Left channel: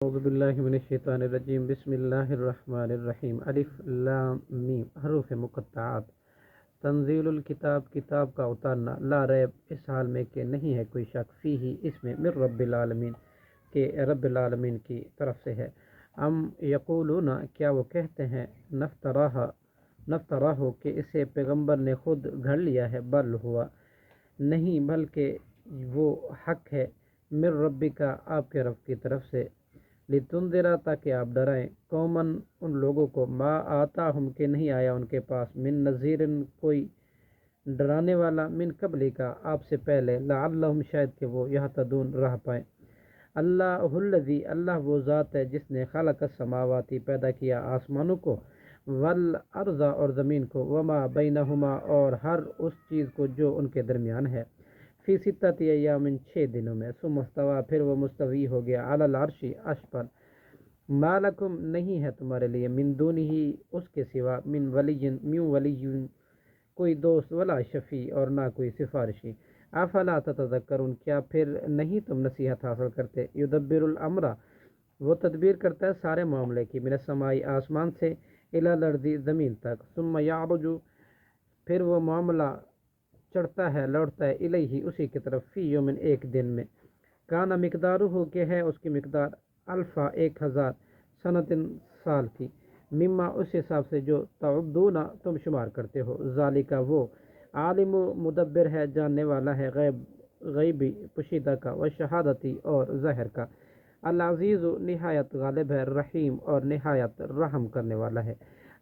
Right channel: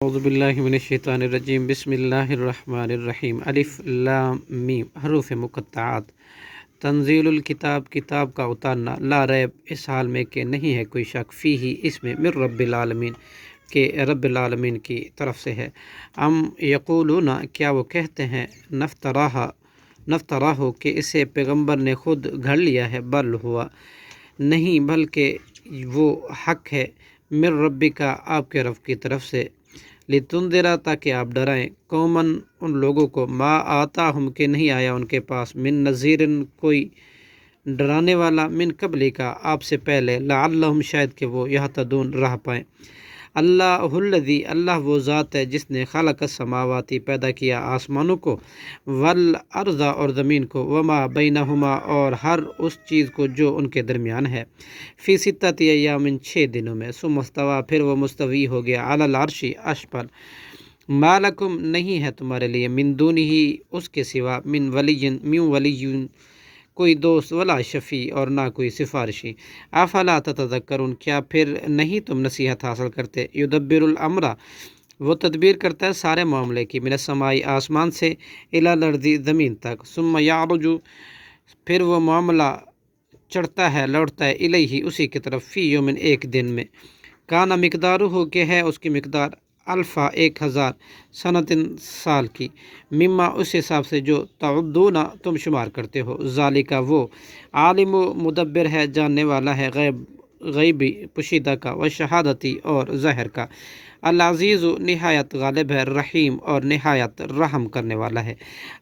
اعوذ باللہ من الشیطان الرجیم بسم اللہ الرحمن الرحیم الف لام میم حروف مقطعات تنزیل الکتاب کتاب کا اتارنا لا ریب اس حال میں کہ نہیں ہے کوئی شک فیہ اس میں من رب العالمین کہ رب العالمین کی طرف سے ہے یقولون کیا وہ کہتے ہیں نفتراہ کہ اسے پیغمبر نے خود گھڑ لیا ہے بل ہوا نہیں بلکہ وہ حق ہے من ربی کا آپ کے رب کی طرف سے لتنذرا تاکہ آپ ڈرائیں قومن ان لوگوں کو ما آتا ہم کہ نہیں آیا ان کے پاس من نذیر کوئی ڈرانے والا من قبل کا آپ سے پہلے لعلہم شاید کہ وہ یہتدون راہ پائیں اللہ الذی اللہ وہ ذات ہے جس نے خلق السماواتی پیدا کیا آسمانوں کو والارض اور زمین کو وما بینہما اور ہر اس چیز کو جو ان کے درمیان ہے فی ستۃ ایام 6 دنوں میں ثم استوی پھر وہ مستوی ہو گیا علی العرش عرش پر ما لکم نہیں ہے تمہارے لیے من دونہ اس کے سوا من ولی کوئی دوست ولا شفیع اور نہ کوئی سفارشی افلا تتذکرون کیا پھر نہیں تم نصیحت حاصل کرتے یدبر الامر وہ تدبیر کرتا ہے سارے معاملے کی من السماء آسمان سے الی الارض زمین تک ثم یعرج پھر وہ معاملہ چڑھتا ہے لوٹتا ہے الیہ اسی کی طرف فی یوم ایک دن میں کانا مقدار ہو کہ ہے اس کی مقدار الفا 1000 سنتن سال کی مما اس حساب سے جو تعدون تم شمار کرتے ہو ذالکہ وہ عالم و مدبر ہے جاننے والا ہے غیبی پوشیدہ کا و شہادتی اور ظاہر کا العزیز نہایت غالب ہے رحیم اور نہایت رحم کرنے والا ہے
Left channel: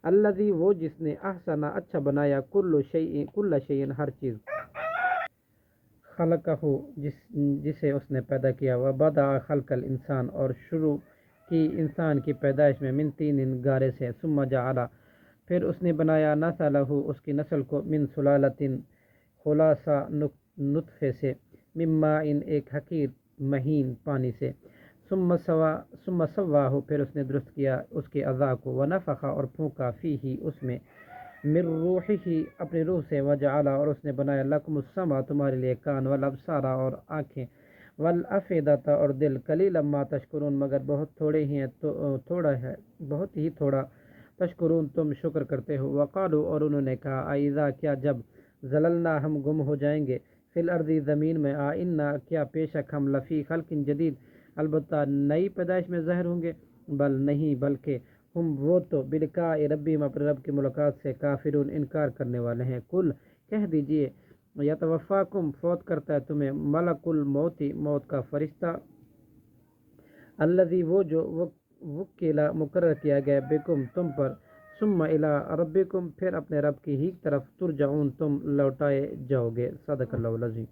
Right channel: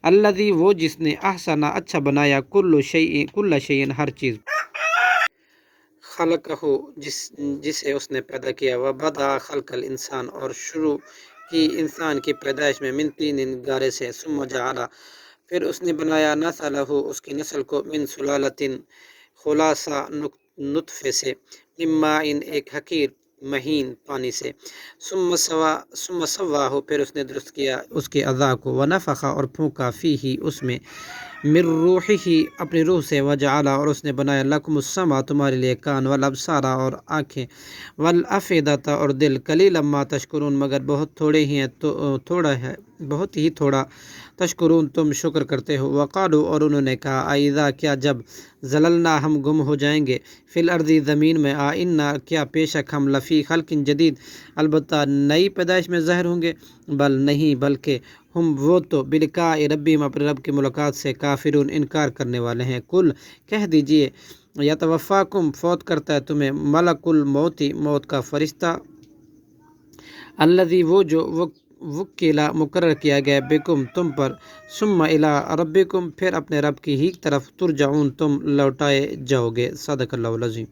الذی وہ جس نے احسن اچھا بنایا کل شیء ہر چیز خلق ہو جسے اس نے پیدا کیا وبدأ خلق الانسان اور شروع کی انسان کی پیدائش میں من طین گارے سے ثم جعل پھر اس نے بنایا نسلہ اس کی نسل کو من سلالۃ خلاصہ نطفے سے من ماء ایک حقیر مہین پانی سے ثم سواہ پھر اس نے درست کیا اس کے اعضاء کو ونفخ اور پھونکا فیہ اس میں من روحہ اپنی روح سے وجعل اور اس نے بنایا لکم السمع تمہارے لیے کان والابصار اور آنکھیں والافئدۃ اور دل قلیلا ما تشکرون مگر بہت تھوڑے ہی ہیں تھوڑا ہے بہت ہی تھوڑا تشکرون تم شکر کرتے ہو وقالوا اور انہوں نے کہا اذا کیا جب زللنا ہم گم ہو جائیں گے فی الارض زمین میں انا کیا بے شک ہم لفی خلق جدید البتہ نئی پیدائش میں ظاہر ہوں گے بل نہیں بلکہ ہم وہ تو بلقاء ربہم اپنے رب کی ملاقات سے کافرون انکار کرنے والے ہیں کل کہہ دیجئے یتوفاکم فوت کرتا ہے تمہیں ملک الموت موت کا فرشتہ الذی وہ جو وکیلا مقرر کیا گیا بکم تم پر ثم الی ربکم پھر اپنے رب کی ہی طرف ترجعون تم لوٹائے جاؤ گے صدق اللہ العظیم